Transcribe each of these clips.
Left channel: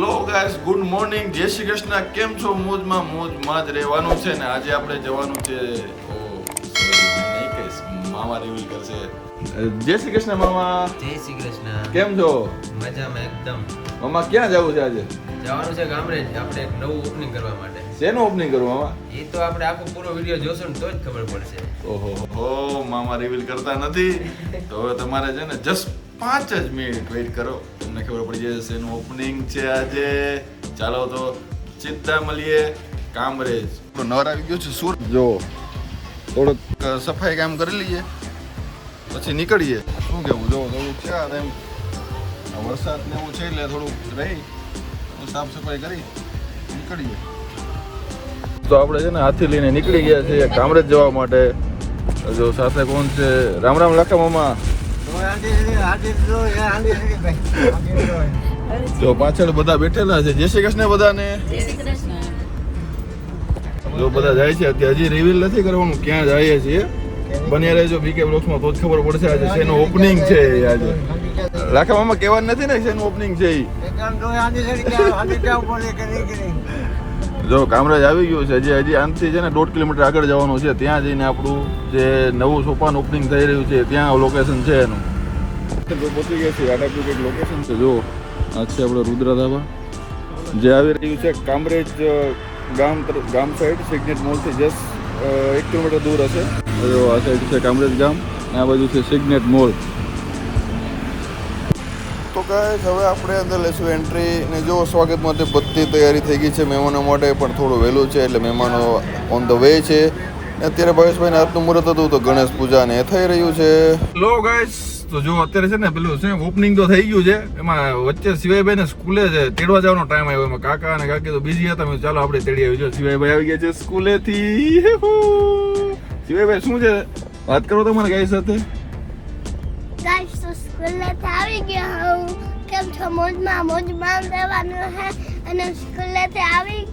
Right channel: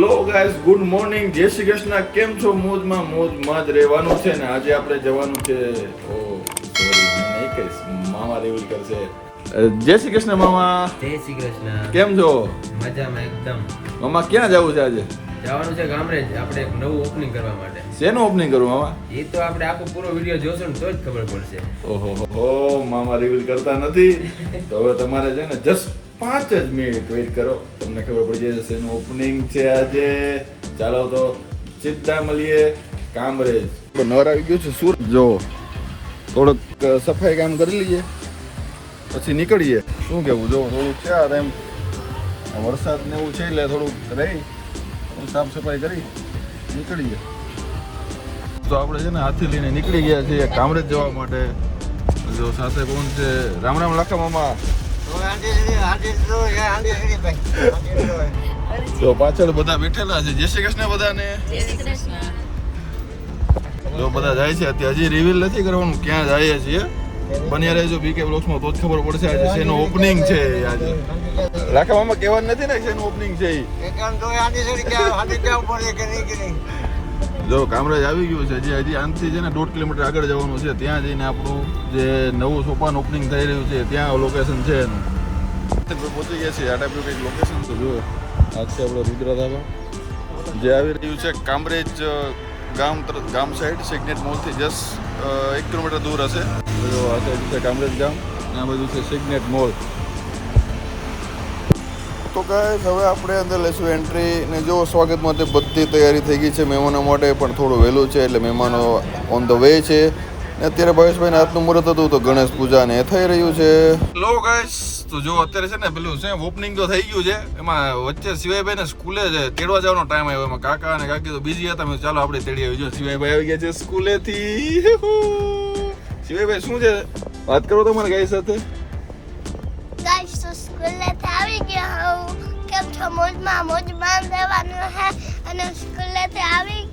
Hello guys, good morning, જય શ્રી કૃષ્ણ. કેમ છો? મોજમાં જ રહેવાનું છે ને. આજે આપણે જવાનું છે નહીં કહીશ, મામા રિવીલ કરશે. જય શ્રી કૃષ્ણ મામા. જય શ્રી કૃષ્ણ. કેમ છો? મજામાં એકદમ. મામા ક્યાં જવું છે આજે? જવાનું છે ગામડે આપણે એક નવું ઓપનિંગ કરવા માટે. શેનું ઓપનિંગ કરવું મામા? એ તો આપણે આખો પૂરો વિડિયો જોશો ને તો જ ખબર પડશે. ઓહો, મામા રિવીલ કરતા નથી તો હવે તમારે છે ને જસ્ટ 5 જ મિનિટ વેઇટ કરો, તમને ખબર પડી જશે શેનું ઓપનિંગ છે આજે. ચાલો તો સીધા મળીએ કામરેજ. નવર આવી ગયો છે સુરત. જો થોડુંક સફાઈ કામ કરી લઈએ પછી નીકળીએ. શું કેવું? જો થોડું ચાર એમ વરસાદ ને એવું છે એટલે થોડુંક રહી સાફ સફાઈ કરી નીકળીએ. તો આપણે છે ને હાથી લઈને નીકળી ગયા છીએ કામરેજ જવા માટે. જો સાથે કોણ છે? રામ રામ લાખા મામા. જો પાછળ બધા બેઠેલા છે. જય શ્રી કૃષ્ણ બધાને. જો બધા જાય છે અત્યારે. હજી રિવીલ નથી કરવાનું ક્યાં જઈએ છીએ. બન્યા રહેજો બીકે બ્લોગ્સમાં તો જ ખબર પડશે આજે શેનું ઓપનિંગ છે. આજે લાખા મામા કહેવાનું નથી ને શેનું ઓપનિંગ છે. જો કામરાજ આવી ગયું છે. હજી આનથી છે ને 1.5 કિલોમીટર આગળ જવાનું છે. ત્યાં જઈને આપણું જે નવું સોપાન ઓપનિંગ થઈ રહ્યું છે ત્યાં લોકેશન છે એનું. પહોંચી ગયા છે. આ ટાઈપનું કંઈક લોકેશન છે. જો આ છે આપણે રુદ્ર ધાબા જે આવી રહ્યું છે કામરેજ ગામ સાઈડ. સિગ્નેટ મોલથી જસ્ટ 1 કિલોમીટર દૂર હશે. જો આ સાઈડ છે કામરેજ ગામ, આ બાજુ છે સિગ્નેટ મોલ. તો ગાઈસ હવે આપણે અંદર લેશું એન્ટ્રી. ને જો સ્વાગત માટે બધી તૈયારી થઈ ગઈ છે મહેમાનો માટે, પણ થોડું વહેલું છે એટલે મહેમાનો ઓન ધ વે છે. ને અત્યારે ભાવેશભાઈને આજનું મુહૂર્ત હતું તો ગણેશ પૂજા ને થઈ રહ્યું છે. લો ગાઈસ, તો જો અત્યારે છે ને પેલું છે ઓપનિંગ તો થઈ ગયું છે. એમાં વચ્ચે શિવાયભાઈ ને સ્કૂલે છે તેડવા જવાનો ટાઈમ આવ્યો. એમાં કાકા અને કાકી તો બીજી હતા. ચાલો આપણે તેડી આવી. જો શિવાયભાઈ આવી ગયા છે સ્કૂલેથી. શિવાયભાઈ શું છે વાત કરો તમારે ગાઈસ સાથે. ગાઈસ તો સ્કૂલેથી આવી ગયા હું. કેમ છો? મોજમાં રહેવાનું છે અને સ્કૂલેથી આવી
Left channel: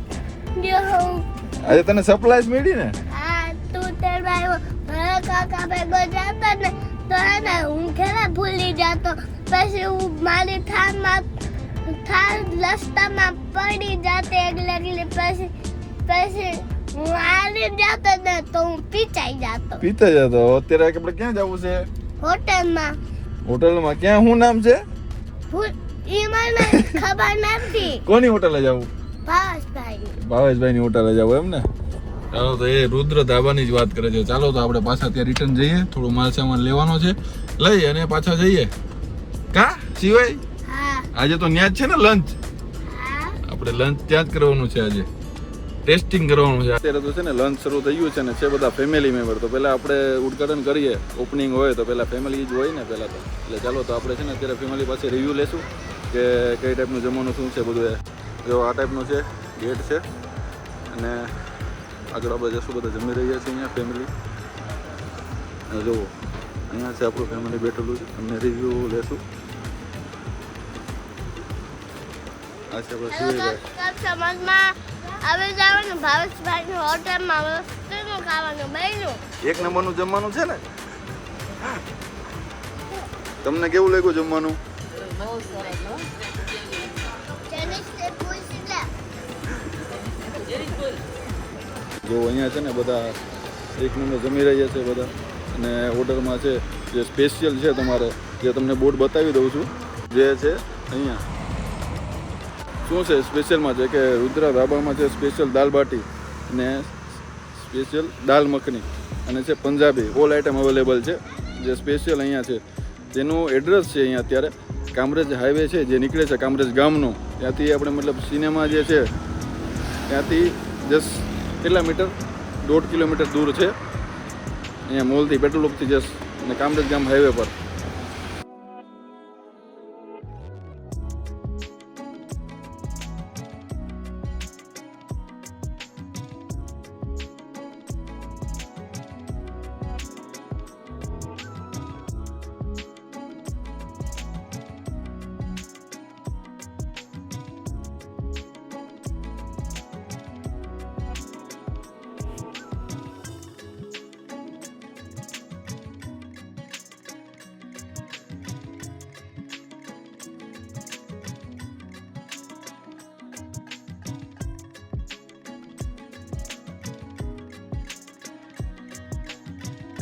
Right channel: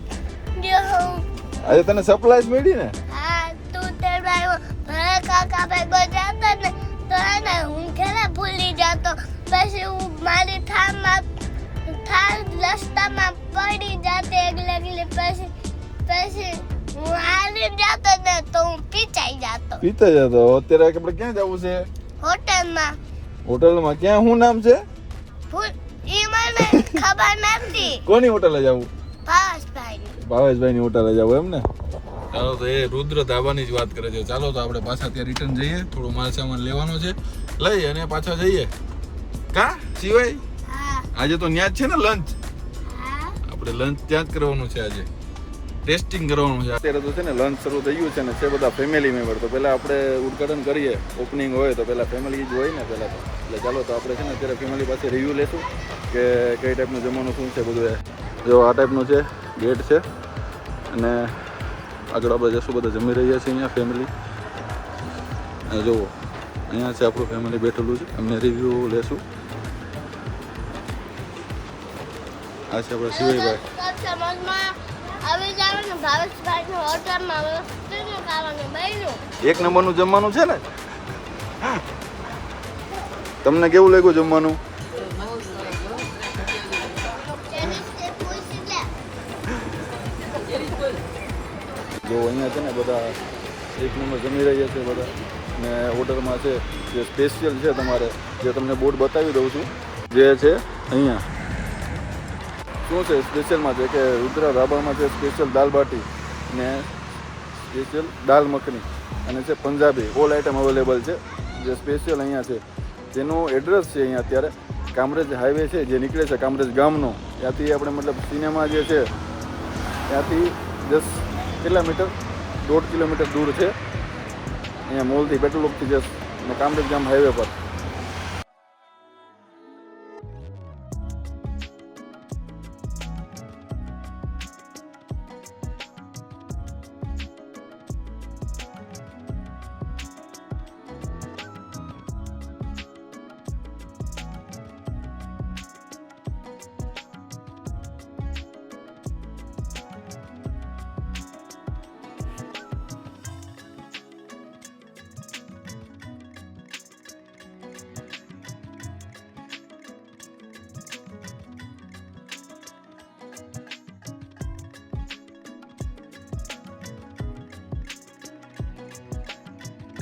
ગયો હું. અરે તને સરપ્રાઈઝ મળી ને? હા, તું તેડવા આવ્યો. ઘરે કાકા ભેગો જતો ને તો હે ને હું ખેલા ભૂલી જતો. પછી હું મારી થાર રસ્તામાં પડી જતી એકલી. પછી હું હારી જતો ને તો હું પીચાઈ જતો. અત્યારે આપણે ક્યાં જવું છે? હોટલમાં. ક્યાં? શું નામ છે? ઈ મને ખબર નથી. કોની હોટલે જવું? ભાવેશભાઈ ની હોટલે જવું એમ ને? ચાલો તો એ રુદ્ર ધાબાની જ વાત કરે છે. ચાલો તો આપણે પાછા ત્યાં રિટર્ન જઈએ. થોડું માલ સામાન લેવાનો છે, લઈ અને પાછા જઈએ. કા સિવાય આજે તો ત્યાં જ છે ને લંચ. આપણે લંચ ત્યાં જ કરવાનું છે. આજે ટેસ્ટિંગ કરવાનું છે. અત્યારે તો છે ને લંચ શરૂ થઈ ગયું છે ને છે બધા ફેમિલી મેમ્બર. તો પહેલા આપણે ઉદ્ઘાટન કરીએ. ઓપનિંગ હોય તો પહેલા ફેમિલી જ હોય ને પહેલા તો. એટલે ચાલો તો આપણે છે ને અત્યારે ફેમિલી પાસે રિવ્યુ લેશું કે કઈ ટાઈપનું જમવાનું શું છે બધું. જો આ ટાઈપનું છે ગેટ છે અને આગળ આપણે જશું. બધા જમી રહ્યા છીએ અહીંયા ફેમિલી. જુઓ અહીંયા છે આપણું ફેમિલી બેઠેલું છે. એમને રિવ્યુ લેશું. આ છે આપણા શિવાયભાઈ. એક નંબરનું જમવાનું છે ને. તમને કેવું લાગ્યું જમવાનું? જો અહીંયા છે ને બધા એક નંબર જમી રહ્યા છે બધા. અને ઓર્ડરમાં છે જે સ્પેશિયલ છે તમારે, જે તમને બોર્ડ બતાવી દઉં છું. જે છે અહીંયા શું છે સ્પેશિયલમાં છે કે રુદ્ર ધાબામાં છે સ્પેશિયલ દાલ બાટી ને સ્પેશિયલ દાલ મખની અને છે પંજાબી. ઓલ આઇટમ અવેલેબલ છે. જે સ્પેશિયલ અહીંયા છે જેનું એડ્રેસ છે અહીંયા અત્યારે કામરેજ હાઈવે છે જે નીકળે છે કામરેજ ગામનો. ત્યાંથી આપણે મતલબ સિનેમા જે છે ત્યાંથી જસ્ટ કેટલા મીટર? 1.5 કિલોમીટર દૂર છે. અહીંયા મોલથી પેટ્રોલ પંપથી જસ્ટ અને કામરેજ ગામ હાઈવે પર.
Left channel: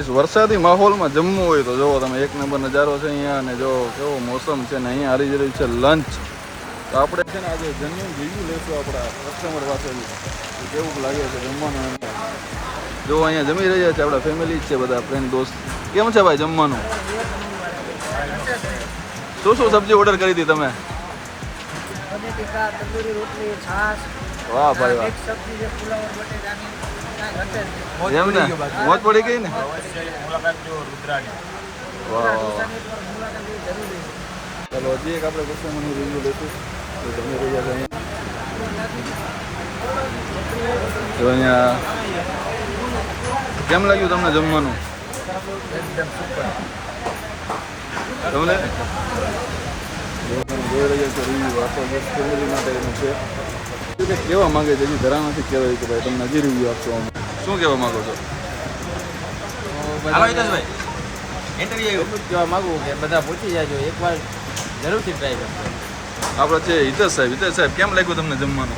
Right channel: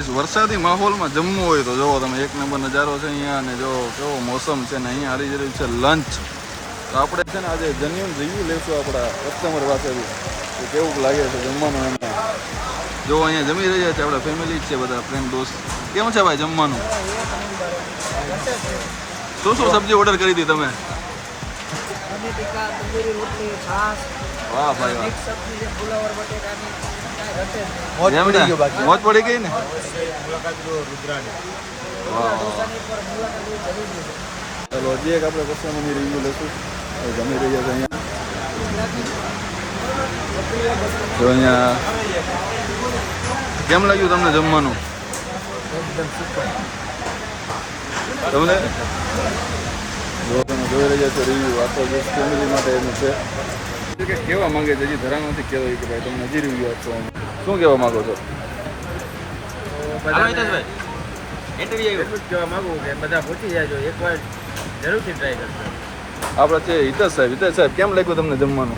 વરસાદી માહોલમાં જમવું હોય તો જોવો તમે એક નંબર નજારો છે અહીંયા, અને જો કેવો મોસમ છે ને અહીંયા આવી રહ્યું છે લંચ. તો આપણે છે ને આજે જમીન રિવ્યુ લેશું આપણા કસ્ટમર પાસેથી કે કેવું લાગે છે જમવાનું એમને. જો અહીંયા જમી રહ્યા છે આપણા ફેમિલી જ છે બધા ફ્રેન્ડ દોસ્ત. કેમ છે ભાઈ જમવાનું? શું શું સબ્જી ઓર્ડર કરી હતી તમે? વાહ ભાઈ વાહ, એમ ને મોજ પડી ગઈ ને. વાહ ચાલો હજી એક આપણે કસ્ટમરની રિવ્યુ લઈશું. જમી રહ્યા છે અહીંયા. તો અહીંયા કેમ લાગ્યું તમને જમવાનું? એકદમ સુપર. તમને જો તમે જોઈ રહ્યા છો રિવ્યુ આપો જે ફેમિલી માટે એનું છે કે કેવા માંગે છે હજી ધરા નથી કહેવાય કે ભાઈ તમને હજી રિવ્યુ આપશો. શું કહેવા માંગો છો? એટલું જ કહેવા માંગુ કે બધા પૂછી જાજો, એકવાર જરૂરથી ટ્રાય કરજો. આપણે છે હિતેશ સાહેબ કેમ લાગ્યું તમને જમવાનું?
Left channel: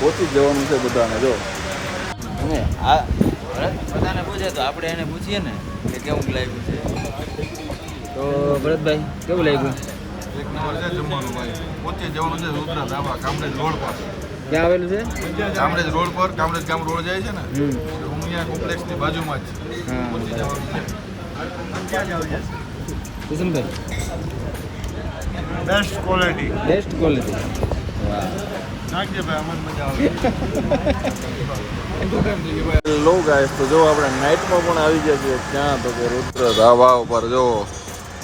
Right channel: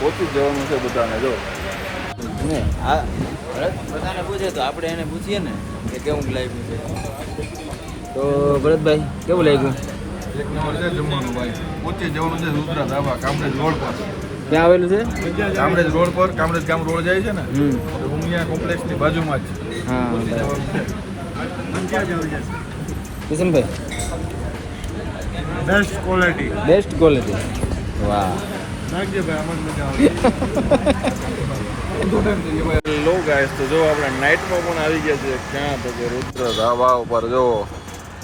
પહોંચી જ જવાનું છે બધાને. જો બધાને પૂછે તો આપણે એને પૂછીએ ને કે કેવું લાગ્યું છે. તો ભરતભાઈ કેવું લાગ્યું? એક નંબર છે જમવાનું ભાઈ. પહોંચી જવાનું છે રુદ્રા ધાબા કામરેજ રોડ પર. ક્યાં આવેલું છે? કામરેજ રોડ પર, કામરેજ ગામ રોડ જાય છે ને ઉમિયા કોમ્પ્લેક્સની બાજુમાં જ. Kishanbhai best quality. વાહ. લો ગાઈસ, તો જો આપણે નાઇટમાં પણ આવી ગયા છે. ક્યાં તો કે રુદ્ર ધાબા ઉપર જો.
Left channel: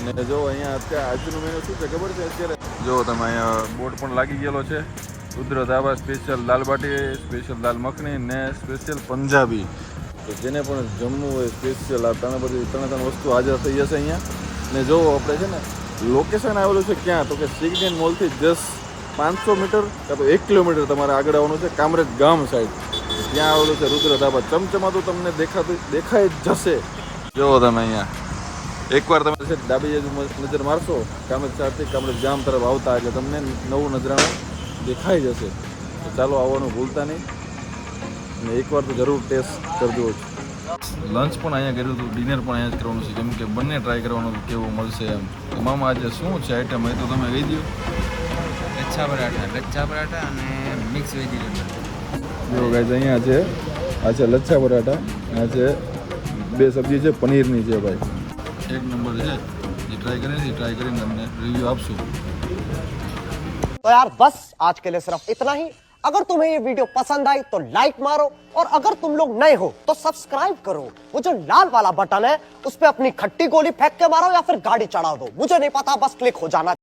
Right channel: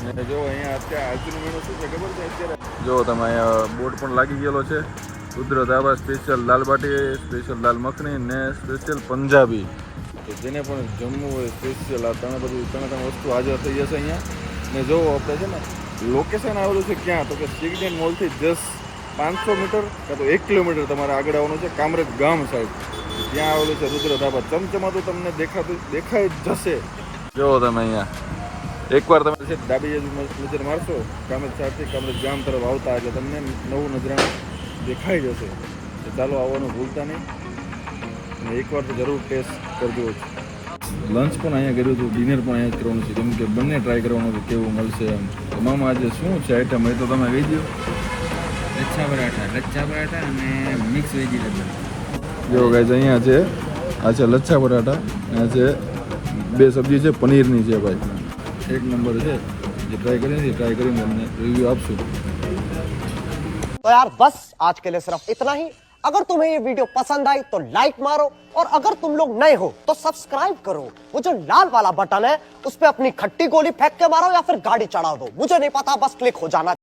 ને જો અહીંયા અત્યારે આજનું મેનુ શું છે ખબર છે? અત્યારે જો તમે અહીંયા બોર્ડ પણ લાગી ગયેલો છે. રુદ્ર ધાબા સ્પેશિયલ દાલ બાટી, સ્પેશિયલ દાલ મખની ને સ્પેશિયલ પંજાબી. તો જેને પણ જમવું હોય સ્પેશિયલ આ ત્રણ વસ્તુ હાજર થઈ જશે અહીંયા. ને જો આપણે છે ને લોકેશન આવેલું છે ક્યાં તો કે સિગ્નેટ મોલથી જસ્ટ 500 મીટર કાં તો 1 કિલોમીટર તમારે આગળ આવવાનું છે કામરેજ ગામ સાઈડ. ત્યાં આવેલું છે રુદ્ર ધાબા. ચમચમાતું તમને દેખાય જ જશે. જો તમે અહીંયા એકવાર તમે છે ડાબી બાજુ નજર મારશો કામરેજ સાઈડથી કામરેજ ગામ તરફ આવતા એટલે તમને નવું નજરાણું દેખાઈ જશે. તો ચાલો આવવાનું ભૂલતા નહીં અને એકવાર તો જરૂર ટેસ્ટ કરજો. લંચ પણ અહીંયા કર્યું હતું, ડિનર પણ અહીંયા જ કરવાનું છે કેમ કે બંને ટ્રાય કરવાનું હતું કેવું મળશે એમ. તમામ આજે શું છે આઈટમ એ તો તમે કહી દો. લચ્છા પરાઠા અને મિક્સ વેજીટેબલ. જો ગાઈઝ અહીંયા છે આ છે લચ્છા પરાઠા અને આ છે બે સબ્જી છે પનીરની છે ભાઈ. એક નંબર છે. જે ટ્રાય કરીને તમને રિવ્યુ આપશું. तो यार बस आज के लिए सिर्फ इतना ही. अगर तुम्हें ये वीडियो पसंद आई तो लाइक मारो और अगर तुम लोग नए हो तो सब्सक्राइब करो. वो जो लाल वाला बटन है उस पे अपनी खट्टी गोली फेंक के मारो या फिर गाड़ी चढ़ा दो, मुझे नहीं पता, बस क्लिक हो जाना.